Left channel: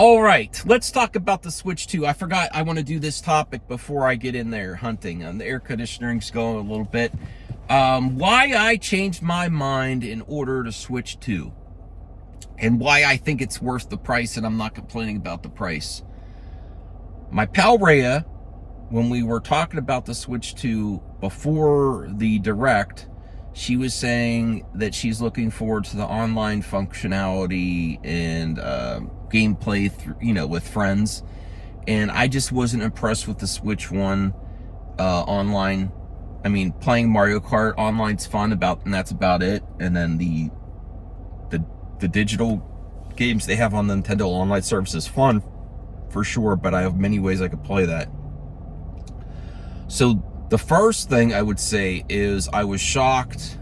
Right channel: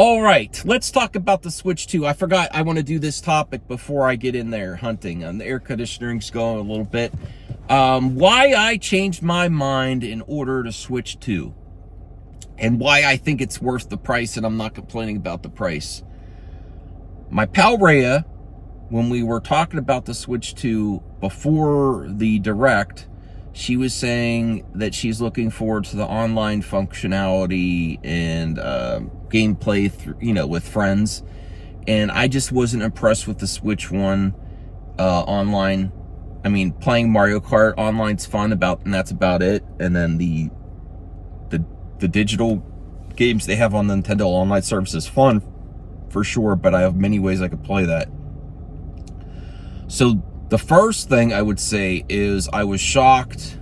All right, let's talk about the Switch 2. I forgot I want to do this topic before I get in there hunting, and the air conditioning's going a little bit. Why I changed my mind in order to Switch 2, and why I think it's worth the price, and I'm not complaining about the price. My pal Rhea, when we were talking about the Switch 2 before the Direct, she was saying that she's looking forward to the online functionality and gameplay, with friends. And I just wasn't impressed with the Switch 1 online. I mean, playing Mario Kart online's fun, and that's about it. And then the digital games they have on the Nintendo Online service is fun, for sure, but I have many ways I could play that. So the first thing I would say is I was shocked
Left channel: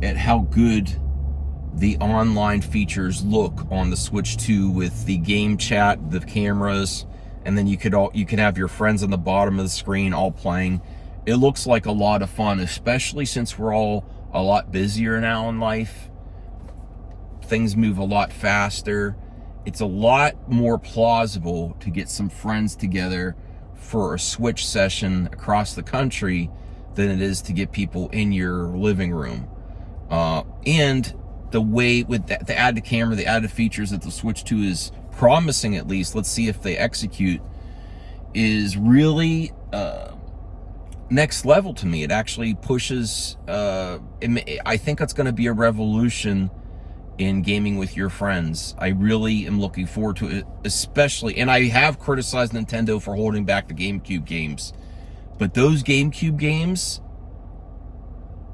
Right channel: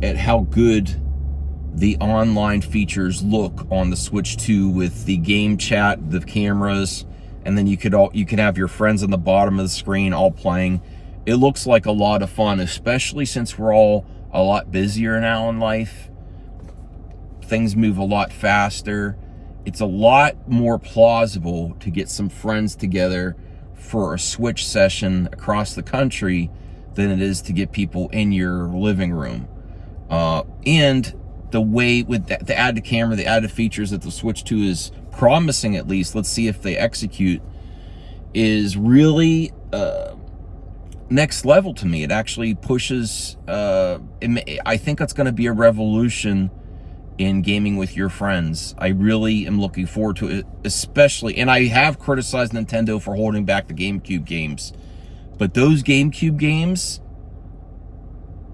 at how good the online features look on the Switch 2 with the game chat, the cameras, and then you could have your friends on the bottom of the screen all playing. It looks like a lot of fun, especially since we're all a lot busier now in life. Things move a lot faster. It's a lot more plausible to get some friends together for a Switch session across the country than it is to get people in your living room. And the way with the added camera, the added features that the Switch 2 is promising, at least, let's see if they execute, is really next level to me. It actually pushes, I think it's going to be a revolution in gaming with your friends. I really am looking forward to it, especially, and I have criticized Nintendo for holding back the GameCube games, but those GameCube games,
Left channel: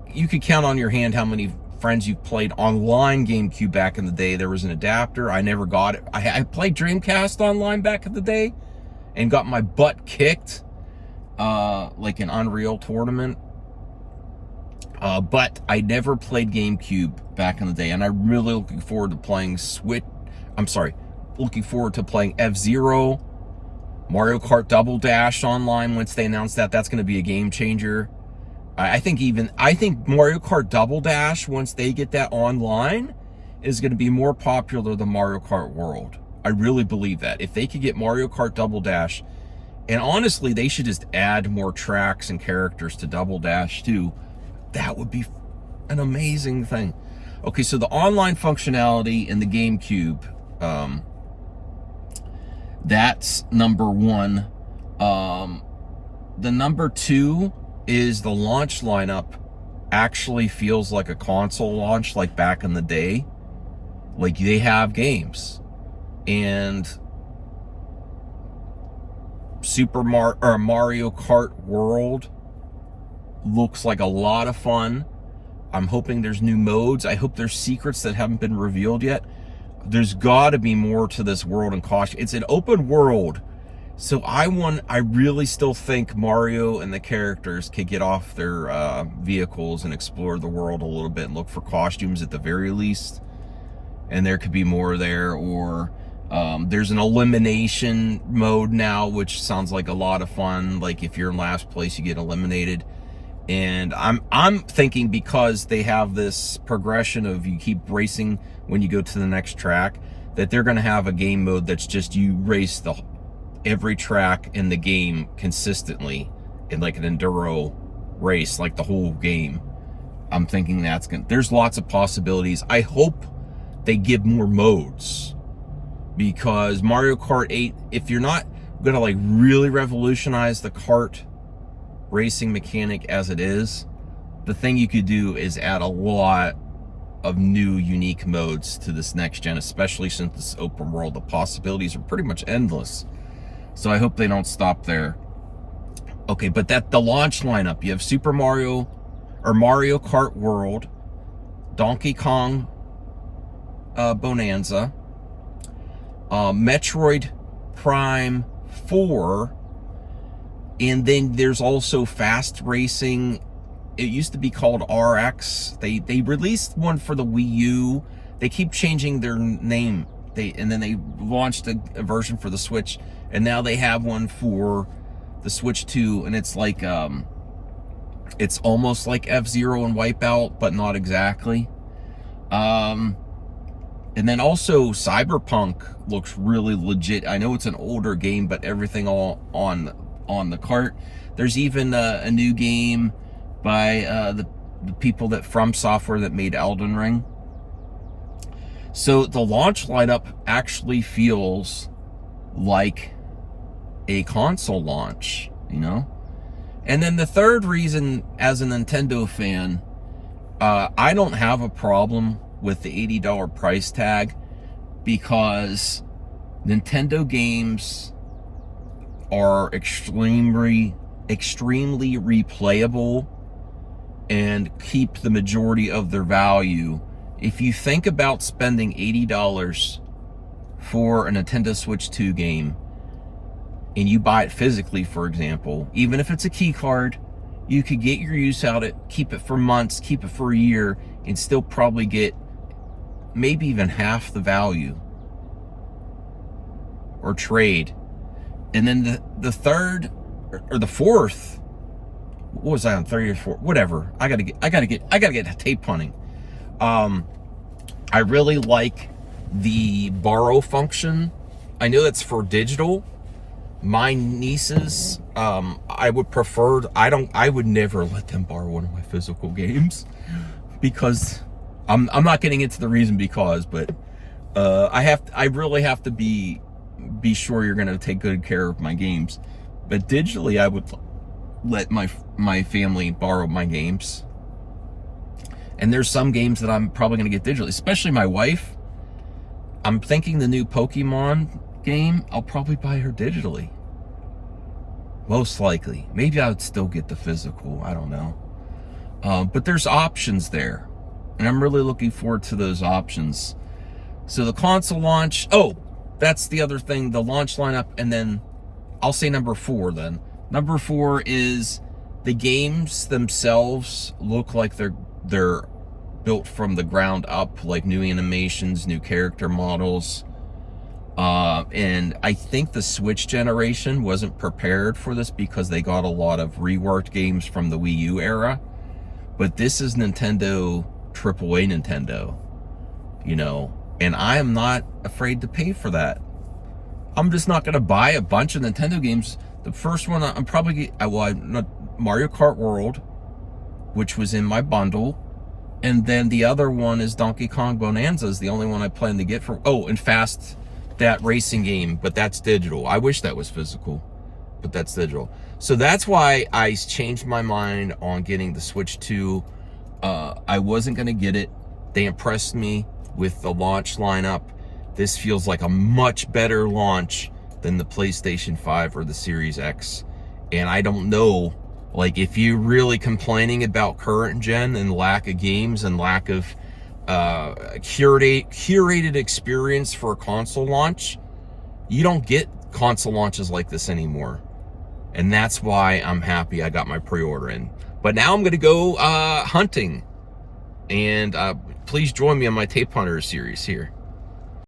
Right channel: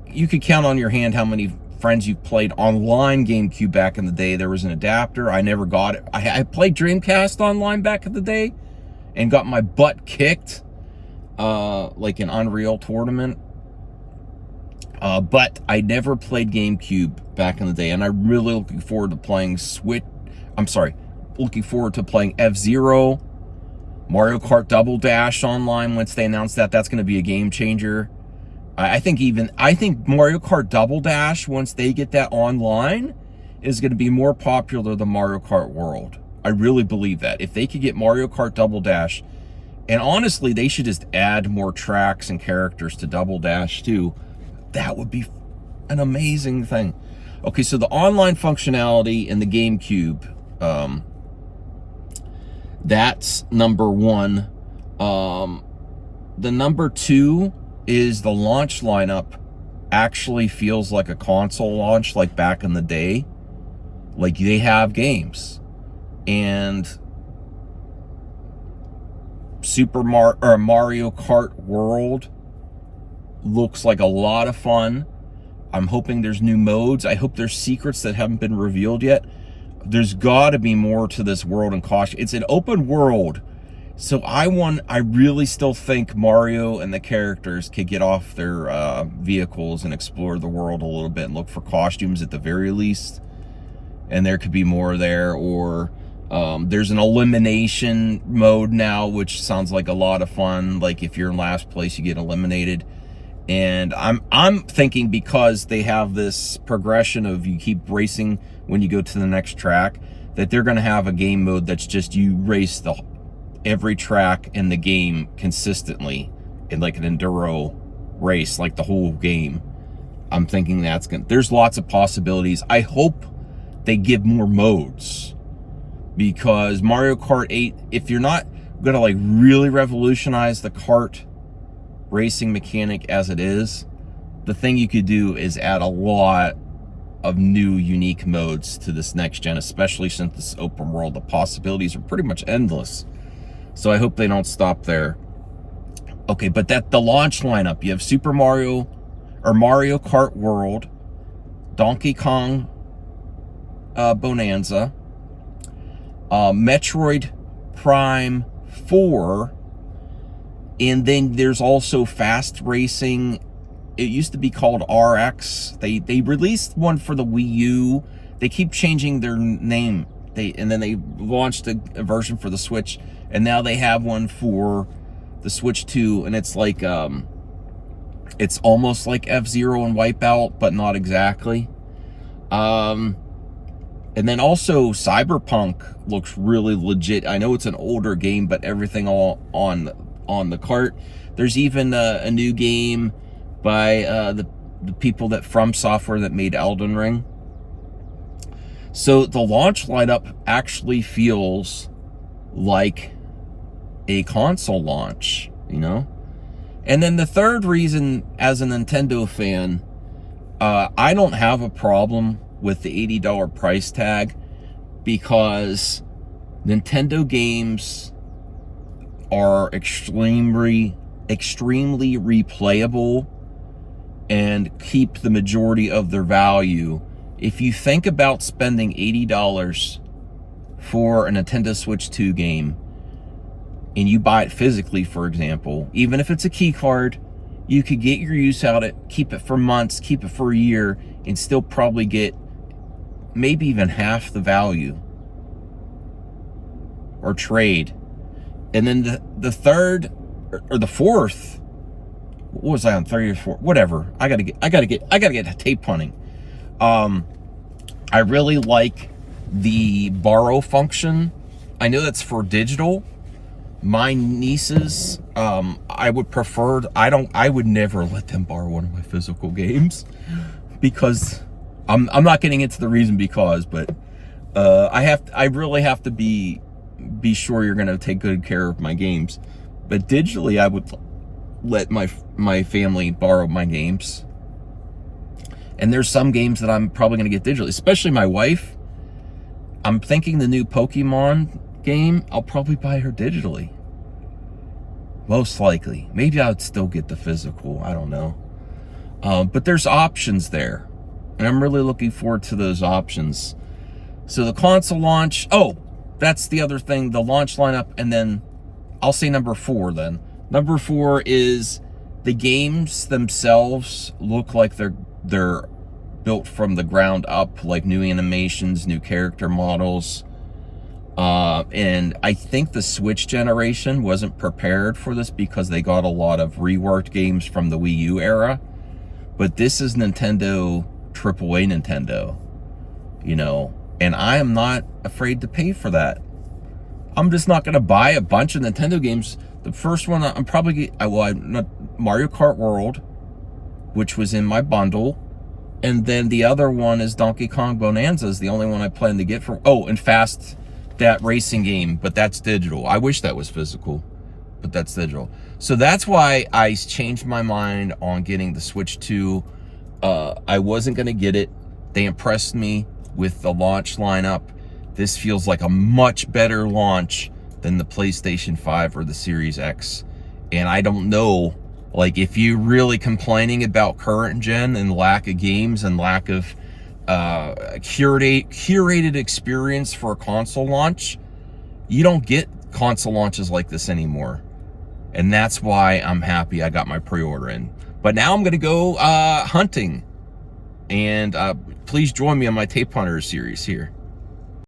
you could count on your hand how many friends you've played online GameCube back in the day. There was an adapter. I never got it. I played Dreamcast online back in the day and got my butt kicked, like an Unreal tournament. But I never played GameCube back in the day, and I'm really looking forward to playing looking forward to playing F-Zero, Mario Kart Double Dash online once they announce that. That's going to be a game changer. I think Mario Kart Double Dash, once they get that online, is going to be more popular than Mario Kart World. I really believe that. If they could get Mario Kart Double Dash, and honestly, they should just add more tracks and characters to Double Dash too. That would be an amazing thing. Okay, so the online functionality in the GameCube, that's number one. The number two is the launch lineup actually feels like a console launch, like back in the day. Like, they have games. And Mario Kart World looks like a lot of fun. I'm hoping there's new modes. I hope there's secrets that haven't been revealed yet. There's got to be more to this world and caution. It's an open world, so I really still think Mario and the characters could get off their vehicles and explore the world a little bit and look for costumes at the very least. And there could be more there, or there's an elimination mode now, which sounds like a lot of fun. Like, if you're in last place, you get eliminated. And I'm thinking, because they have this progression of you keep racing when you go to the next track, that they're going to have a game mode that's just you race every track in the game consistently in like an enduro race, like the whole game. I'm thinking there's lots of possibilities. I hope they give more modes, because Mario Kart 8, if you're not going to like really revolutionize the kart racing mechanic as it is, the thing you could do is add a lot of new unique modes to this next gen, especially since this open world. The possibilities are pretty much endless. So I hope they don't stop there. Okay, but the launch lineup, you have Super Mario or Mario Kart World, Donkey Kong Bonanza, Metroid Prime 4, and then there's also fast racing. It used to be called RX. They released one for the Wii U. They keep changing their name. And then they launched a version for the Switch, and now they have one for the Switch 2, and it's like it's almost like F-Zero and Wipeout, but not exactly. And then also Cyberpunk looks really legit. I know it's an older game, but everything all on the cart. There's even a new game by the people that from software that made Elden Ring. So the launch lineup actually feels like a console launch, you know? And then the third reason, as a Nintendo fan, I don't have a problem with the $80 price tag, because Nintendo games are extremely replayable and keep the majority of their value. If you think about spending $80 for a Nintendo Switch 2 game, and you buy it physically, for example, even if it's a key card, you could get your use out of it, keep it for months, keep it for a year, and still probably get maybe even half the value, or trade. And then the third or the fourth, what was I on, 30 or 4? Whatever. I gotta get tape hunting. I really like the borrow function. I know that's for digital. My nieces, I would prefer, I would never let them borrow one of my physical games, because I'm not getting into the reason because, but I really have to be sure you're going to take good care of my games. But digitally, I would let my family borrow my games. And there's some games that I'm probably going to get digitally, especially my wife. I'm thinking the new Pokemon game, I'll probably buy her digitally. Most likely. Maybe I would still get the physical. I don't know. But there's options there. And I'm really looking forward to those options. So the console launch, that's the other thing, the launch lineup. And then I'll say number 4 then. Number 4 is the games themselves look like they're built from the ground up, like new animations, new character models. And I think the Switch generation wasn't prepared for this because they got a lot of reworked games from the Wii U era. But this is Nintendo, AAA Nintendo, you know, and I am not afraid to pay for that. I'm just not going to buy a bunch of Nintendo games. The first one I'm probably, Mario Kart World, which was in my bundle. And then the other one is Donkey Kong Bonanza, is the only one I plan to get for, and Fast, that racing game, but that's digital. I wish that was physical, but that's digital. So that's why I changed my mind on getting the Switch 2. I wasn't going to get it. They impressed me with the launch lineup. This feels like a much better launch than the PlayStation 5 or the Series X. And I don't know, like, if you're really complaining about current gen and lack of games and lack of curated experience for a console launch, you don't get console launches like this anymore. And that's why I'm happy I got my pre-order in. But now I'm going to go hunting. And please join me on my Tape Hunter series here.